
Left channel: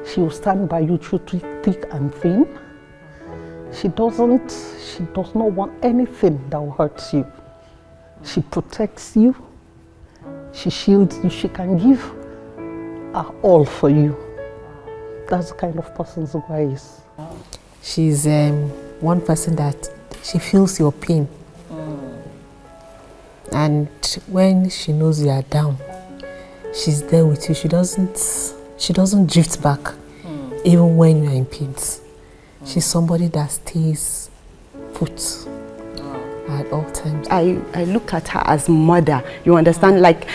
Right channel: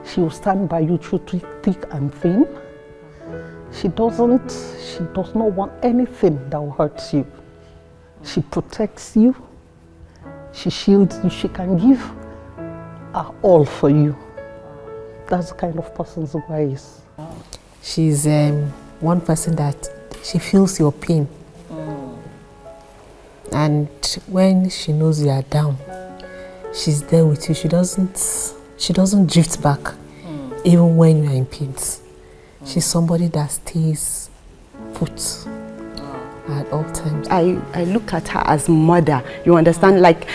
She will stand by you through thick and thin. She does not want anything that will hurt you. She protects you. She shields you. She can give her all for you. That's the kind of person Zugwai is. She's one person that she feels your pain. And when she knows you are down, she's there with you. She doesn't drift back, even when you are in pain. She's somebody that stays put at all times. I look at her as mother. You understand? Like,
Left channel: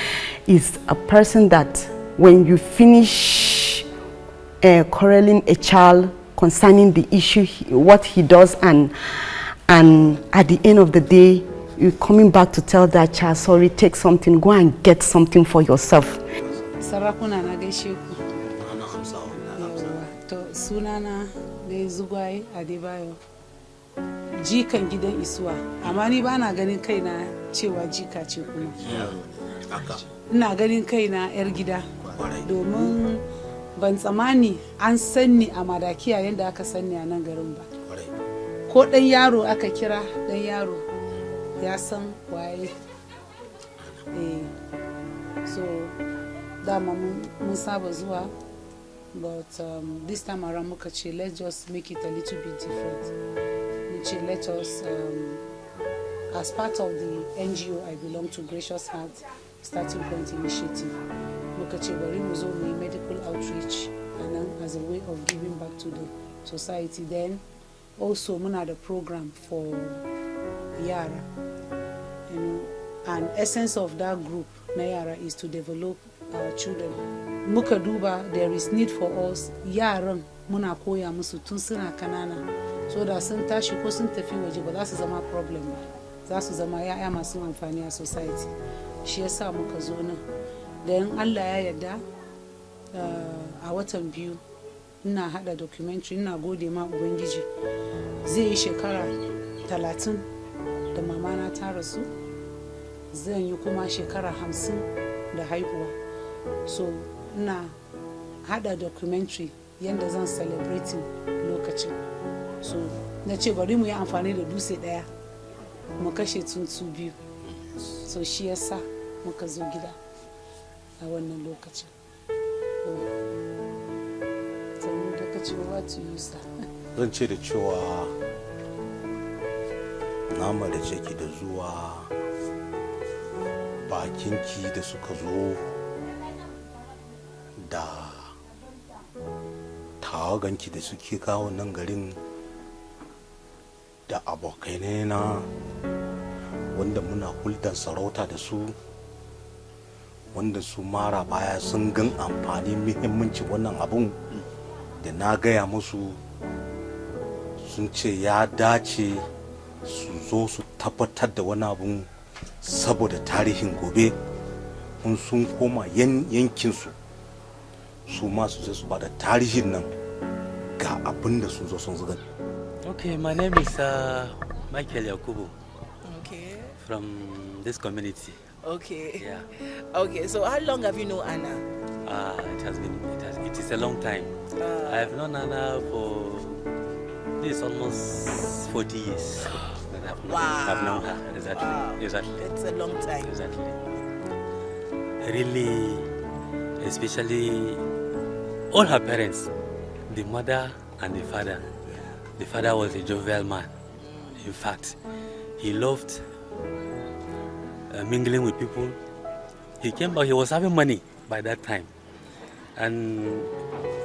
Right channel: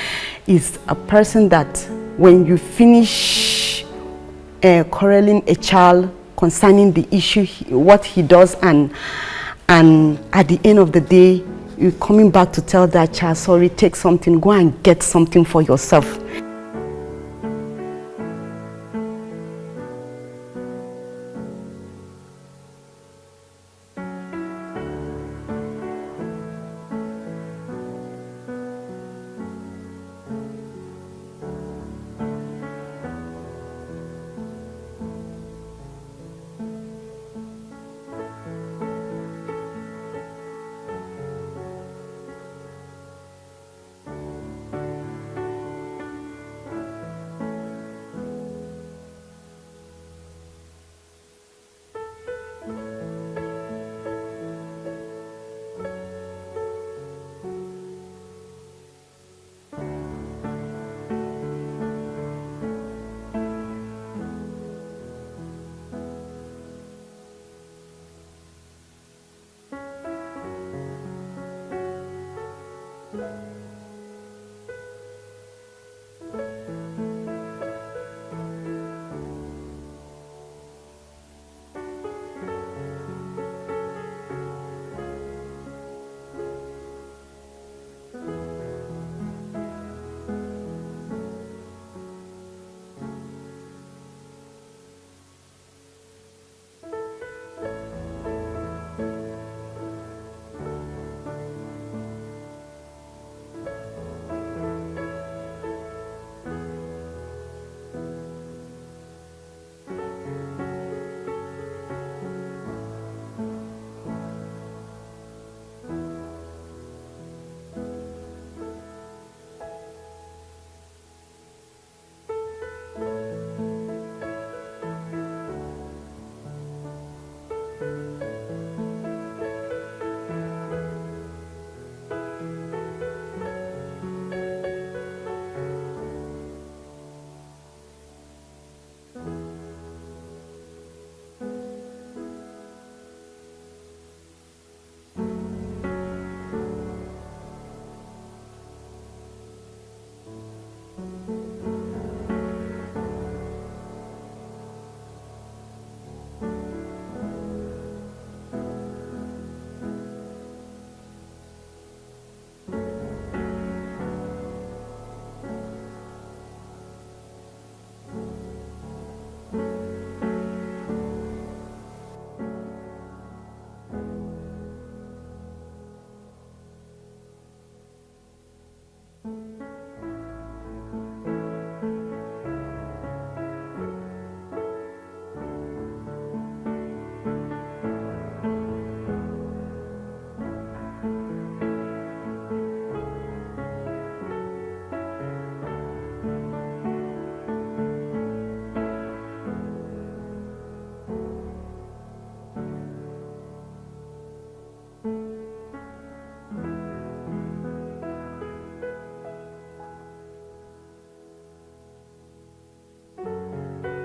is a person that when you finish quarreling a child concerning the issue, what he does, and at the end of the day, you're coming back to tell that child, sorry, take something, go and get something for yourself. Sarakuna na gaishe ku. To sunana ne Zugwai Adebayo. Jikan gidan Isuwa. Amma ni ba na ganin kaina cewa jika ce kuma. Ina ganin kaina yar gida. Domin ban tsammani an sanni a Madakiya yadda aka sanni a nan garin ba. Ko ɗan yaro aka kira ɗan yaro ya san waye. So dama mun saba zuwa, but this time around muka ce let's just make it a little bit different. Which let us, as part of the NGO I belong to, Gracious Heart Starting Point Initiative, muka ce bari mu zo mu medical outreach as a way of giving back to the society. Then also muna da program for yara. And essence of that group na yara is to develop our children. Muka duba there is need for us yaran muna koya musu tun suna kanana, so da sun tashi ko sun tafi waje ba za su zama problem ba, za su zama yaya masu amfani a society. Shi yasa muka zo nan. Dan Allah ya yarda a watan biyu ina hada documentary, ina gode ma Ubangiji. Zai yi shekara 30 da mama na ta rasu. Zan yi kuma shekara 50 da haihuwa. So ina hada documentary yanda zan celebrating lokacin. So na ce bari mu yi amfani da dutse daya mu kashe tsuntsu biyu. So shi yasa muka zo gida a wannan lokacin. What you say? Zan ce da cewa na marace ki da zuwa, bakinki da suka zo da tawaganki da suke kawo nan garin, da abokanai na wanda muna hulɗar sarauta da su, wanda su mara baya sun gan amfani muhimmanci wannan abun da na gaya musu, sun ce ya dace su zo su tabbatar da wani abun saboda tarihin gobe, kun sun koma yankinsu su ma su su bada tarihin nan ga abin da sun zo sun zuga. Okay, my name is Michael Yakubu. Okay. From this community. Okay. Yeah. Okay, so how long have you known Anna? It is a long time. I have known Anna for this almost 40 years. I've known her. Exactly. Wow. Exactly. It's a long time. Exactly. Really, especially all her parents, the mother and the father. The father was a jovial man. In fact, he loved mingling with people. He came back, he was having money by that time. And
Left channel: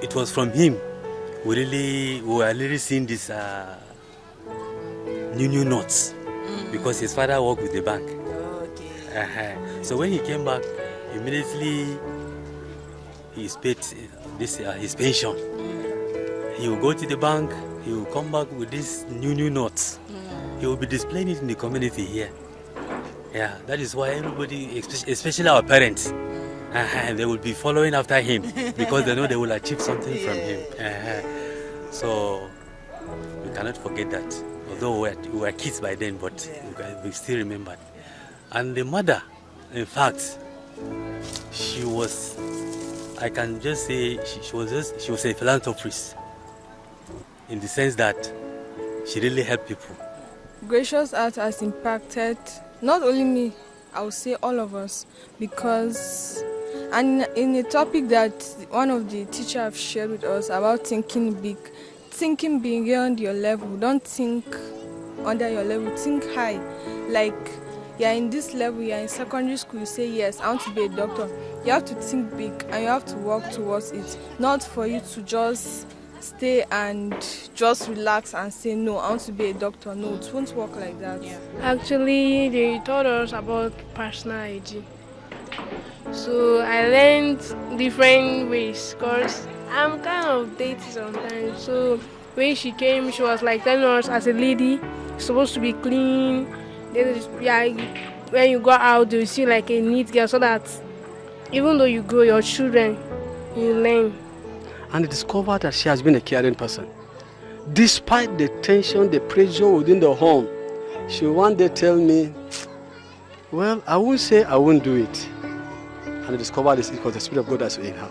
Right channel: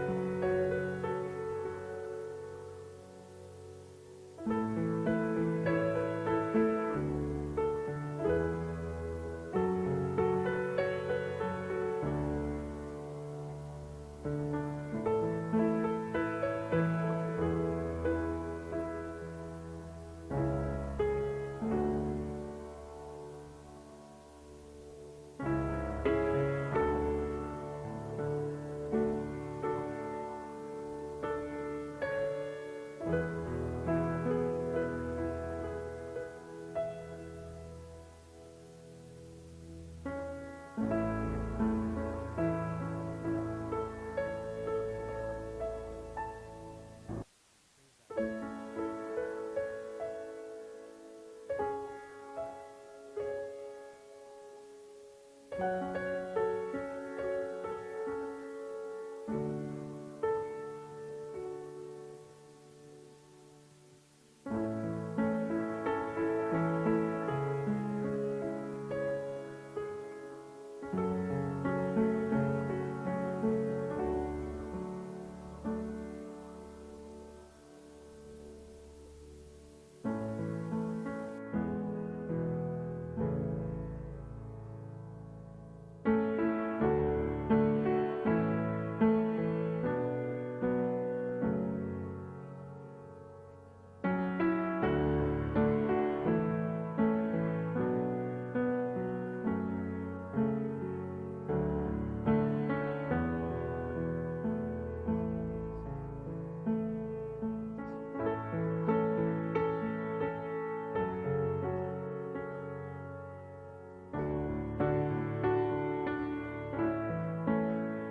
it was from him we were really seeing this new notes, because his father worked with the bank. Okay. So when he came back, immediately he paid his pension. he will go to the bank, he will come back with these new notes. He will be displaying it in the community here. Yeah, that is why everybody, especially our parents, they will be following after him because they know they will achieve something from him. So we cannot forget that. Although we were kids by then, but we still remember. And the mother, in fact, she was, I can just say, she was a philanthropist in the sense that she really helped people. Gracious Art has impacted not only me, I would say all of us, because and in a topic that one of the teachers have shared with us about thinking big, thinking beyond your level, don't think under your level, think high. Like you're in this level, you're in secondary school, you say yes, I want to be a doctor. You have to think big and you have to work towards it, not for you to just stay and just relax and say no, I want to be a doctor. No, it won't work like that. Yeah. Actually, they taught us about personal hygiene. So I learned different ways because I'm kind of dirty sometimes. So when she came, she was like telling us as a lady, you're supposed to be clean. When you go out, you see like a neat girl so that even though you grow your children, you learn. And discovered that she has been a caring person. Despite the tension, the pressure within the home, she one day tell me, well, I won't say I won't do it. And I discovered this because the Spirit of God is in her.